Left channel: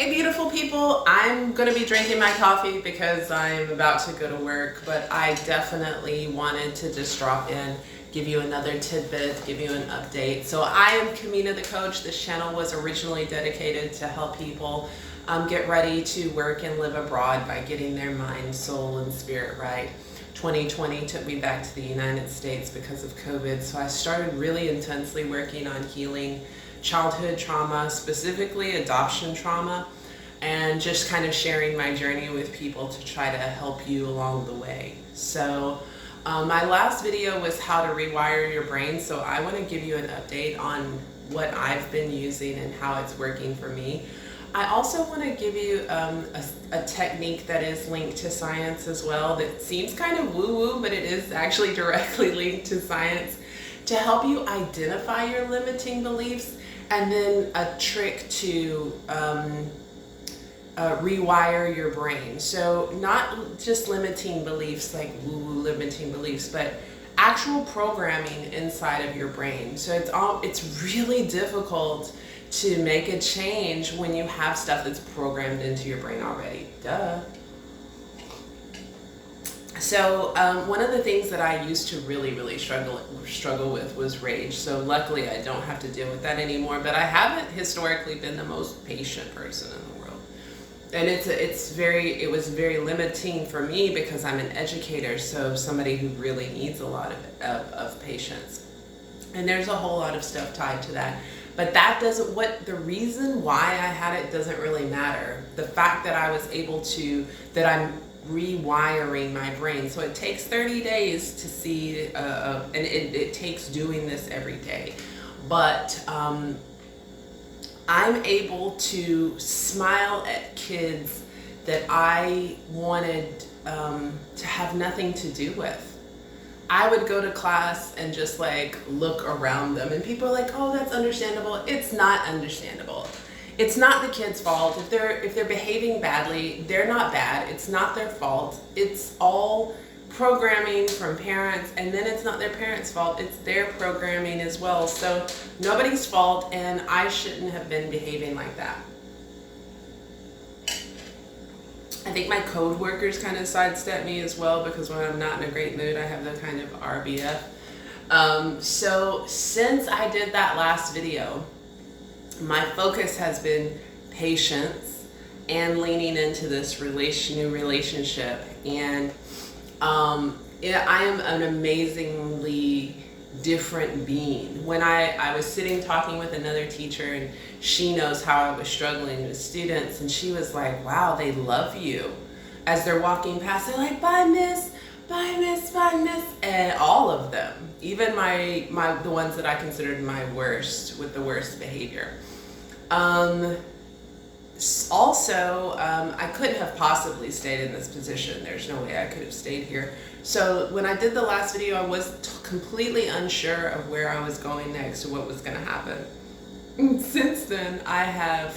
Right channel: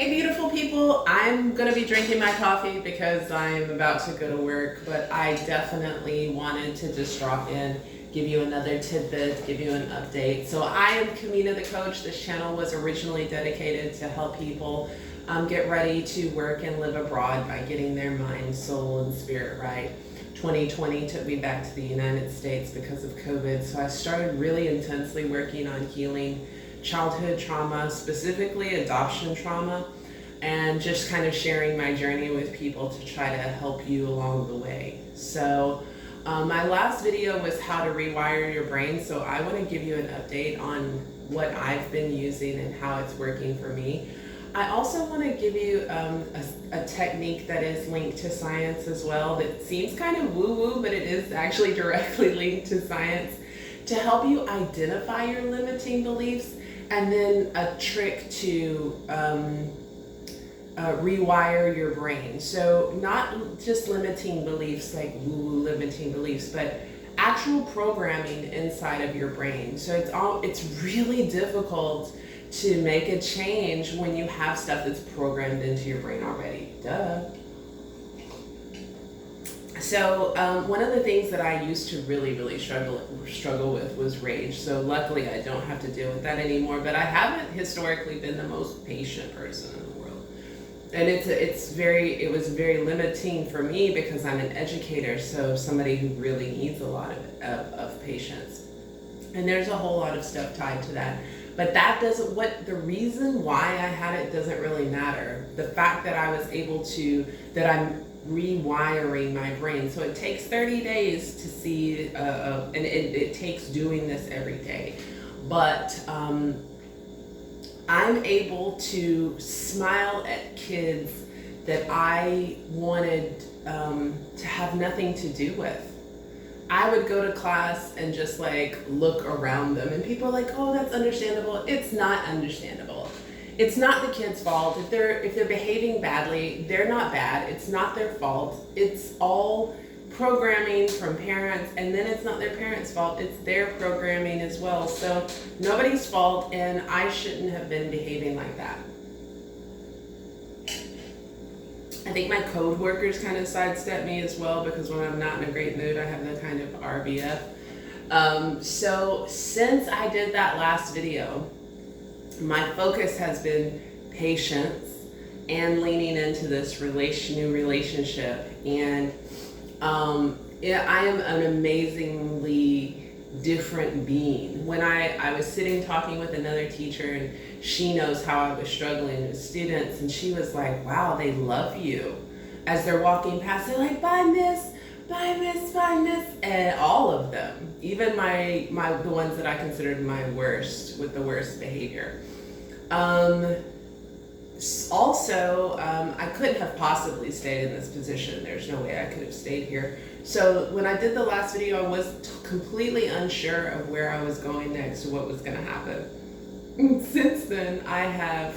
Hey beautiful people, I'm gonna be drinking my coffee because I'm about to go to work, but I definitely wanted to just drop in, give you another tidbit, give you an update. So I am Kamina the Coach. This channel was originally dedicated to help people get ready to work and live abroad by getting their mind, soul, and spirit right. 2020 took me back to the United States because of COVID, so I started really intensely working on healing childhood trauma, specifically adoption trauma, and just kind of sharing my journey with people to try to help you along the way. So my last video was how to rewire your brain, so I want to give you an update on what I've been using and how it's working for me. I also want to give you a technique that is linked to science as well, that seems kind of woo-woo, but it is actually directly linked to science, to help you identify your limiting beliefs, and then a trick to rewire your brain. So not just limiting beliefs, like woo-woo limiting beliefs, but actual programming inside of your brain. So it's really difficult to make a change when you have stuff that's programmed into your brain already. Duh. So one of the things that I used to really struggle with was rage. So luckily I don't have to deal with that anymore, but I haven't historically been the most patient person in the world. And it was very limiting for me because I'm an educator, so somebody who really needs a lot of patience. And there's a whole lot of stuff tied to that. But the reason why I had it doesn't really matter. The fact that I was able to, that I'm rewiring my brain. So it takes 30 days to see, and it takes doing this every day. But I'm able to smile at kids that I wanted to have nothing to do with. I would go to class and just like look around them, and people are like, oh, that's understandable. It's not understandable. It's not the kid's fault. If they're behaving badly, they're not bad. It's not their fault. It's all programming from parents, and then it's not their parents' fault. It's their programming as well. So nobody's fault, and I shouldn't have been behaving like that. I think my code workers kind of sidestep me as well, because when I'm not in a great mood, I have the kind of RBF. So since I did that last video, my focus has been patience and leaning into this new relationship. And I am an amazingly different being. When I was sitting talking with another teacher, and she knows how I was struggling with students, and she was like, wow, they love you. As they're walking past, they're like, bye miss, bye miss, bye miss. And all of them, even the ones that I considered my worst, with the worst behavior. Also, I couldn't have possibly stayed in this position. There's no way I could have stayed here. So when I did the last video, I was completely unsure of where I was going next, or what was going to happen. And since then, I have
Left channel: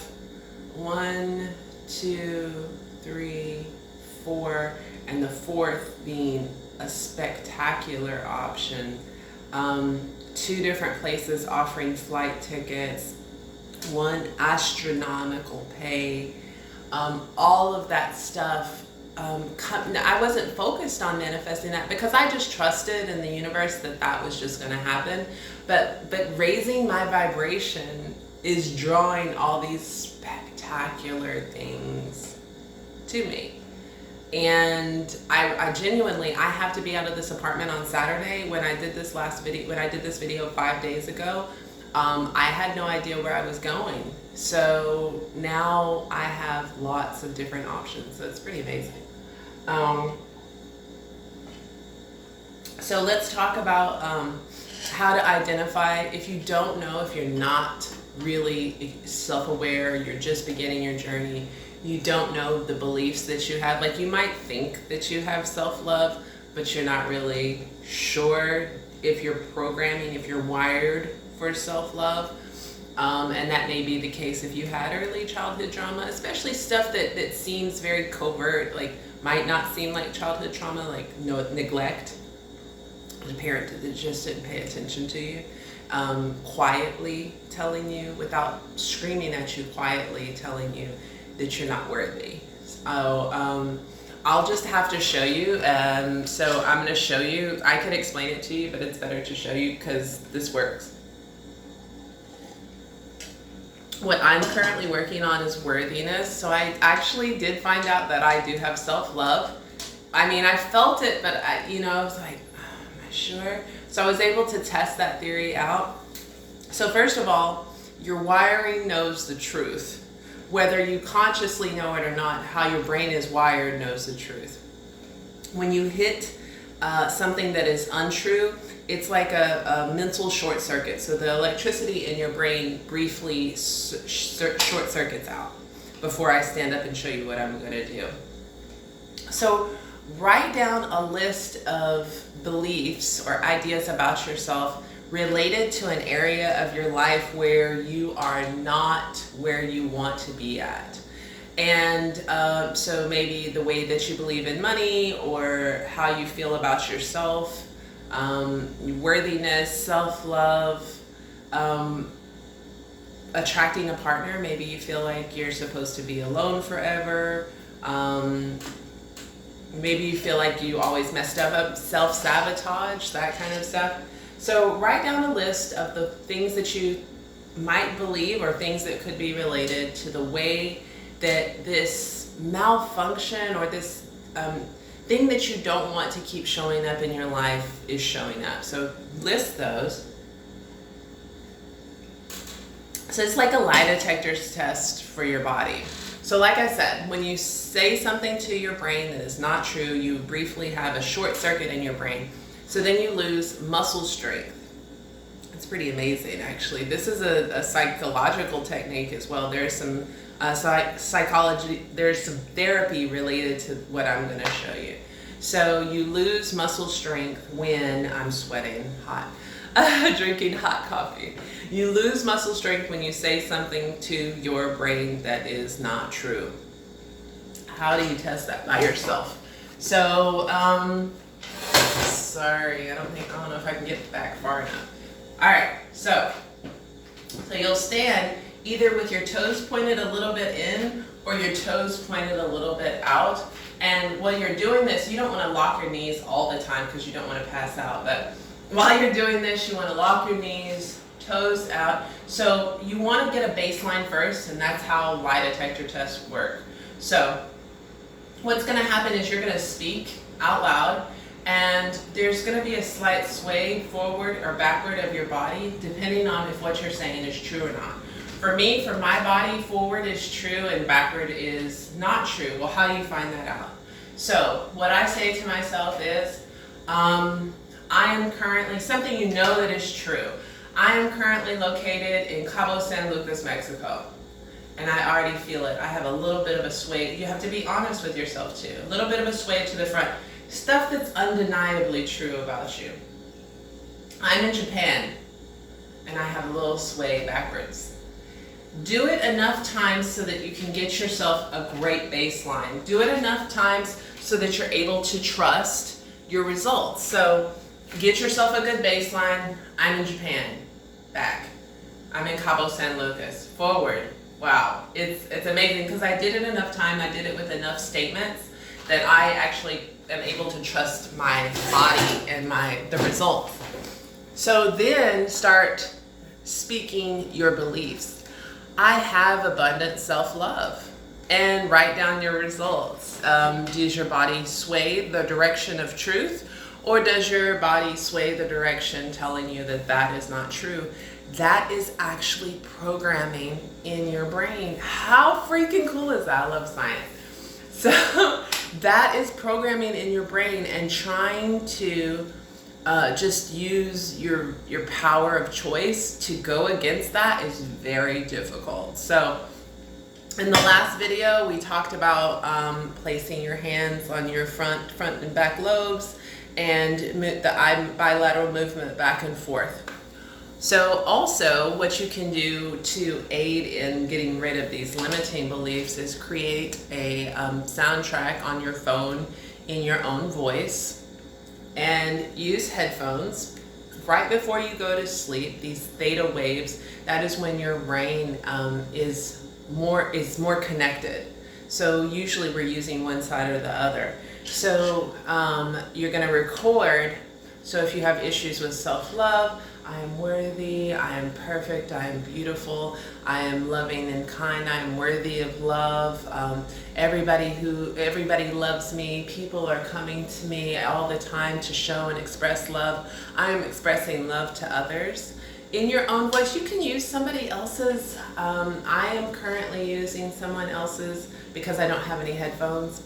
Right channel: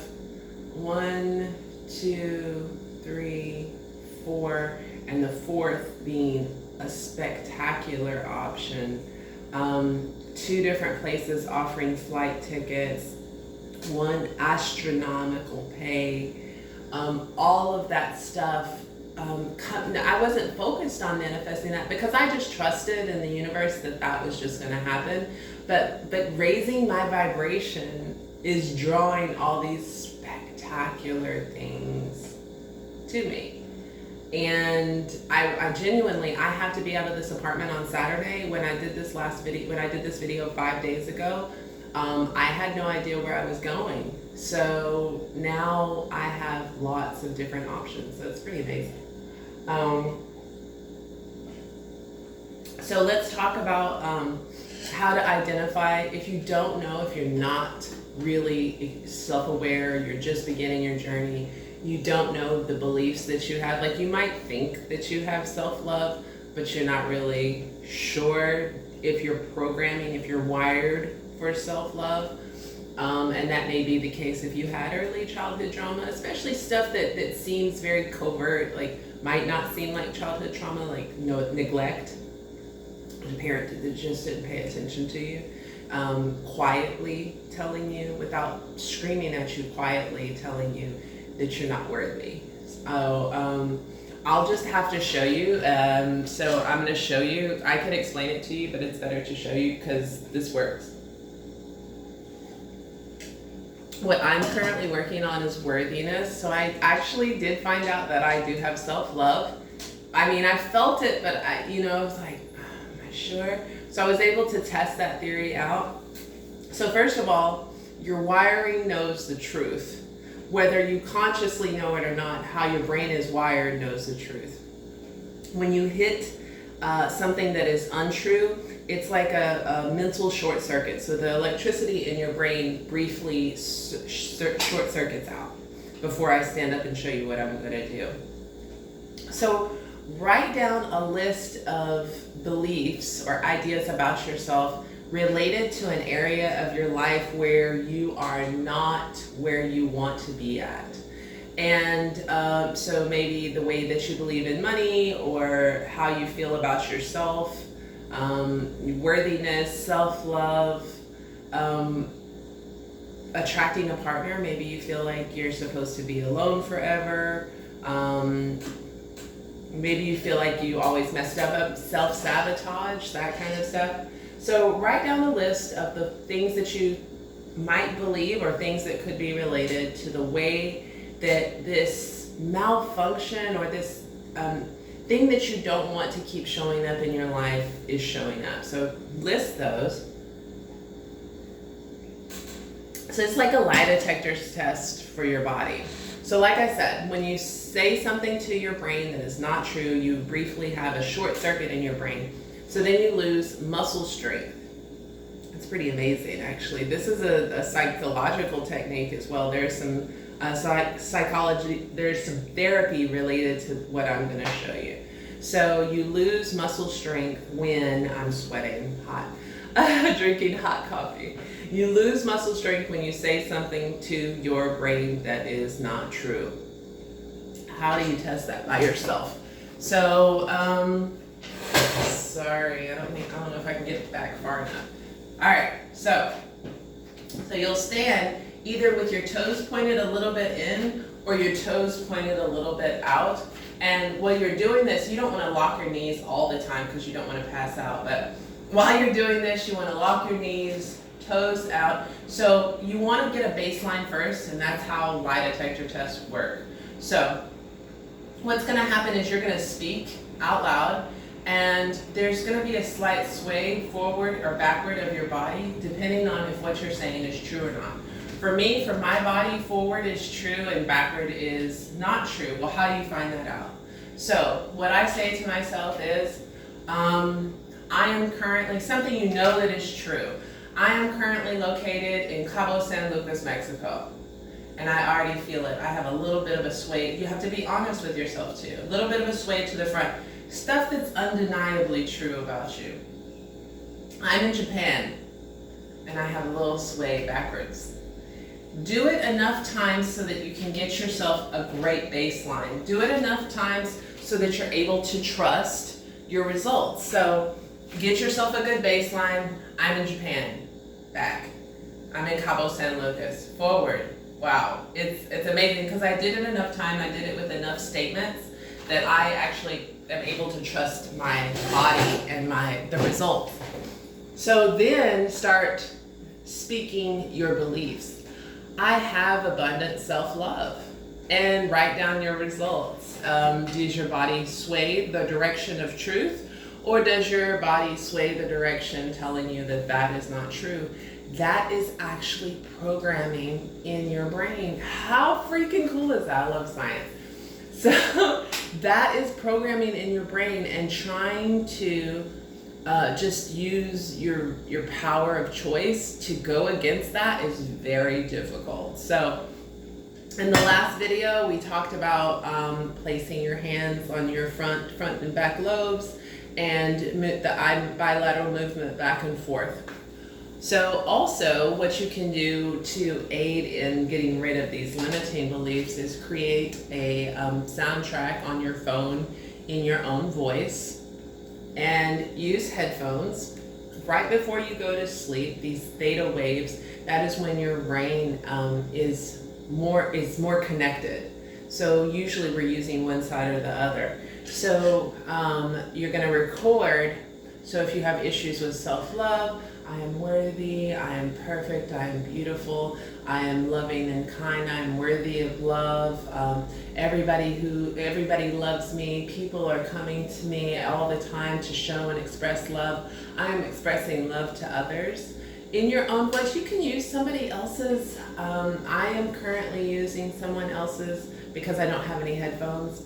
1, 2, 3, 4, and the fourth being a spectacular option. 2 different places offering flight tickets, 1 astronomical pay, all of that stuff. I wasn't focused on manifesting that because I just trusted in the universe that was just going to happen. But raising my vibration is drawing all these spectacular things to me. And I genuinely, I have to be out of this apartment on Saturday. When I did this video 5 days ago, I had no idea where I was going. So now I have lots of different options. So it's pretty amazing. So let's talk about how to identify. If you don't know, if you're not really self-aware, you're just beginning your journey, you don't know the beliefs that you have. Like, you might think that you have self-love, but you're not really sure if you're programming, if you're wired for self-love. And that may be the case if you had early childhood trauma, especially stuff that seems very covert, like might not seem like childhood trauma, like neglect. A parent that just didn't pay attention to you, quietly telling you, without screaming at you, quietly telling you, that you're not worthy. I'll just have to show you. So I'm going to show you. I could explain it to you, but it's better to show you because this works. What I'm currently working on is worthiness. So I actually did find out that I do have self-love. I mean, I felt it, but I was like, oh, am I sure? So I was able to test that theory out. So first of all, your wiring knows the truth. Whether you consciously know it or not, how your brain is wired knows the truth. When you hit something that is untrue, it's like a mental short circuit. So the electricity in your brain briefly short circuits out before I stand up and show you what I'm going to do. So write down a list of beliefs or ideas about yourself related to an area of your life where you are not where you want to be at. And so maybe the way that you believe in money, or how you feel about yourself, worthiness, self-love, attracting a partner. Maybe you feel like you're supposed to be alone forever. Maybe you feel like you always messed up, self-sabotage, that kind of stuff. So write down a list of the things that you might believe, or things that could be related to the way that this malfunction or this thing that you don't want to keep showing up in your life is showing up. So list those. So it's like a lie detector test for your body. So like I said, when you say something to your brain that is not true, you briefly have a short circuit in your brain. So then you lose muscle strength. It's pretty amazing, actually. This is a psychological technique as well. There's some psychology, there's some therapy related to what I'm going to show you. So you lose muscle strength when I'm sweating hot, drinking hot coffee. You lose muscle strength when you say something to your brain that is not true. How do you test that? By yourself. So, sorry, I don't know if I can get back far enough. All right, so you'll stand either with your toes pointed a little bit in or your toes pointed a little bit out. And while you're doing this, you don't want to lock your knees all the time because you don't want to pass out. But while you're doing this, you want to lock your knees, toes out. So you want to get a baseline first, and that's how lie detector tests work. So what's going to happen is you're going to speak out loud, and there's going to be a slight sway forward or backward of your body depending on if what you're saying is true or not. For me, for my body, forward is true and backward is not true. Well, how do you find that out? So what I say to myself is, I am currently, something you know that is true. I am currently located in Cabo San Lucas, Mexico. And I already feel it. I have a little bit of a sway. You have to be honest with yourself too. A little bit of a sway to the front. Stuff that's undeniably true about you. I'm in Japan, and I have a little sway backwards. Do it enough times so that you can get yourself a great baseline. Do it enough times so that you're able to trust your results. So get yourself a good baseline. I'm in Japan. Back. I'm in Cabo San Lucas. Forward. Wow. It's amazing because I did it enough time. I did it with enough statements that I actually am able to trust my body and the results. So then start speaking your beliefs. I have abundant self-love, and write down your results. Does your body sway the direction of truth, or does your body sway the direction telling you that that is not true? That is actually programming in your brain. How freaking cool is that? I love science. So that is programming in your brain, and trying to just use your power of choice to go against that is very difficult. So in the last video, we talked about placing your hands on your front and back lobes and the bilateral movement back and forth. So also what you can do to aid in getting rid of these limiting beliefs is create a soundtrack on your phone in your own voice, and use headphones right before you go to sleep. These theta waves, that is when your brain is more connected. So usually we're using one side or the other. So you're going to record. So if you have issues with self-love, I am worthy, I am perfect, I am beautiful, I am loving and kind, I am worthy of love. Everybody loves me. People are coming to me all the time to show and express love. I am expressing love to others. In your own voice, you can use somebody else's. I am currently using someone else's because I don't have any headphones.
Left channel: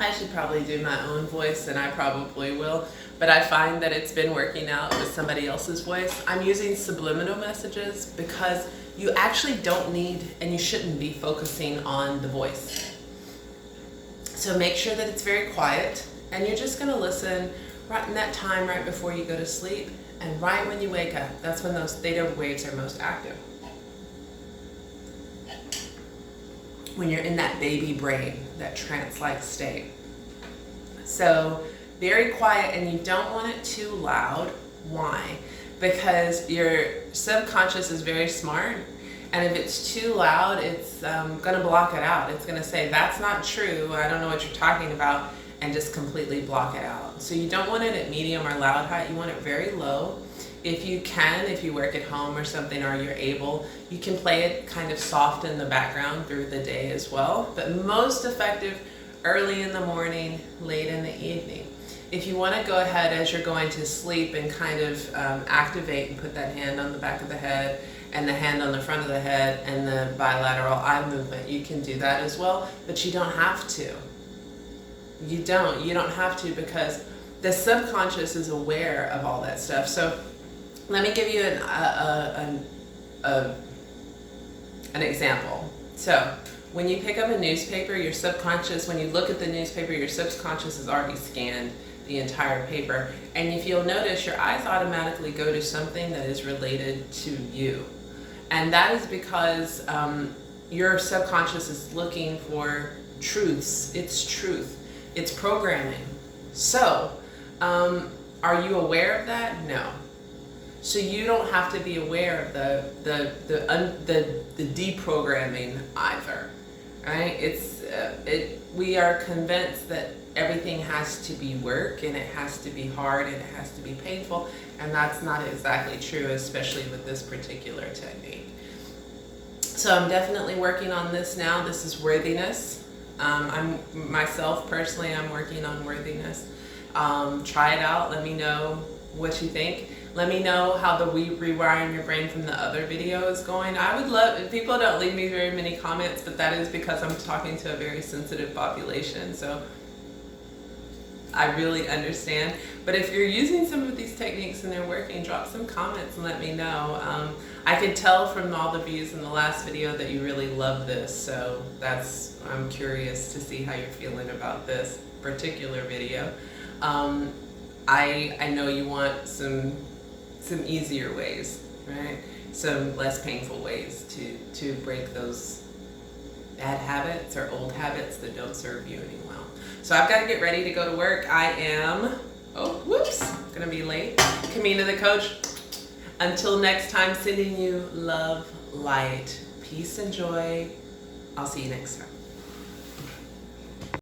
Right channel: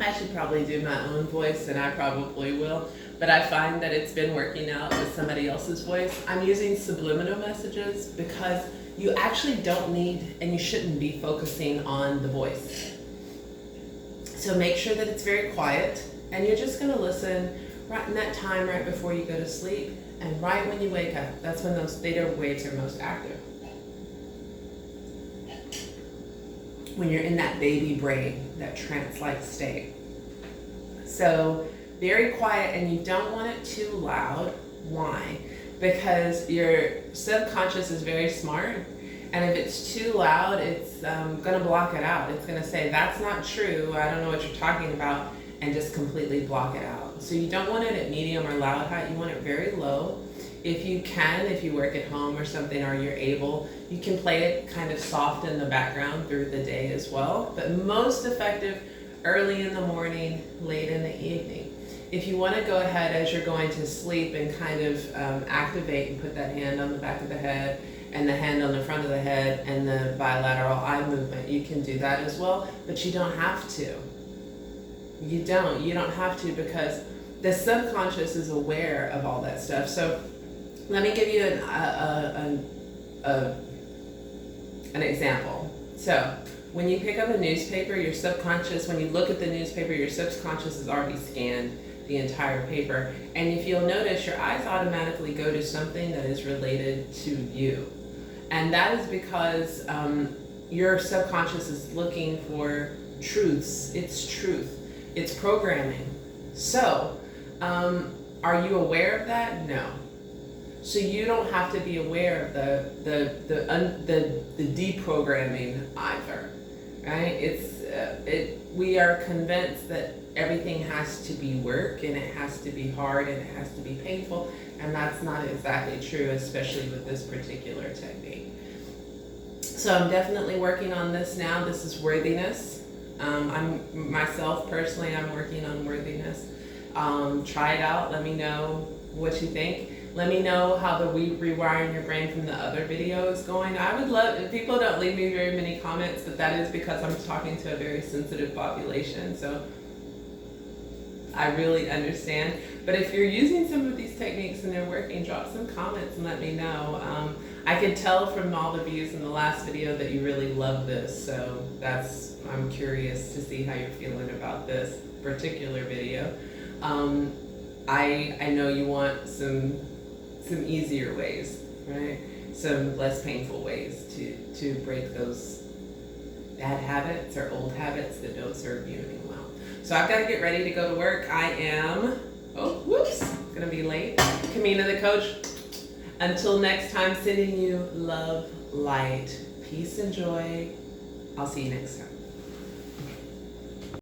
I should probably do my own voice, and I probably will, but I find that it's been working out with somebody else's voice. I'm using subliminal messages because you actually don't need, and you shouldn't be focusing on the voice. So make sure that it's very quiet, and you're just going to listen right in that time right before you go to sleep, and right when you wake up. That's when those theta waves are most active. When you're in that baby brain, that trance-like state. So very quiet, and you don't want it too loud. Why? Because your subconscious is very smart, and if it's too loud, it's gonna block it out. It's gonna say, that's not true, I don't know what you're talking about, and just completely block it out. So you don't want it at medium or loud height, you want it very low. If you can, if you work at home or something, or you're able, you can play it kind of soft in the background through the day as well, but most effective early in the morning, late in the evening. If you want to go ahead as you're going to sleep and kind of activate and put that hand on the back of the head and the hand on the front of the head and the bilateral eye movement, you can do that as well, but you don't have to. You don't have to, because the subconscious is aware of all that stuff. So let me give you an example. So when you pick up a newspaper, your subconscious, when you look at the newspaper, your subconscious has already scanned the entire paper. And if you'll notice, your eyes automatically go to something that is related to you. And that is because your subconscious is looking for truths. It's truth. It's programming. So, are you aware of that? No. So you don't have to be aware of the deprogramming either, right? We are convinced that everything has to be work, and it has to be hard, and it has to be painful, and that's not exactly true, especially with this particular technique. So I'm definitely working on this now. This is worthiness. Myself personally, I'm working on worthiness. Try it out. Let me know what you think. Let me know how the rewiring your brain from the other video is going. I would love, people don't leave me very many comments, but that is because I'm talking to a very sensitive population. So I really understand. But if you're using some of these techniques and they're working, drop some comments and let me know. I could tell from all the views in the last video that you really love this. So I'm curious to see how you're feeling about this particular video. I know you want some easier ways, right? Some less painful ways to break those bad habits or old habits that don't serve you any well. So I've got to get ready to go to work. I am, gonna be late. Kamina the coach. Until next time, sending you love, light, peace, and joy. I'll see you next time.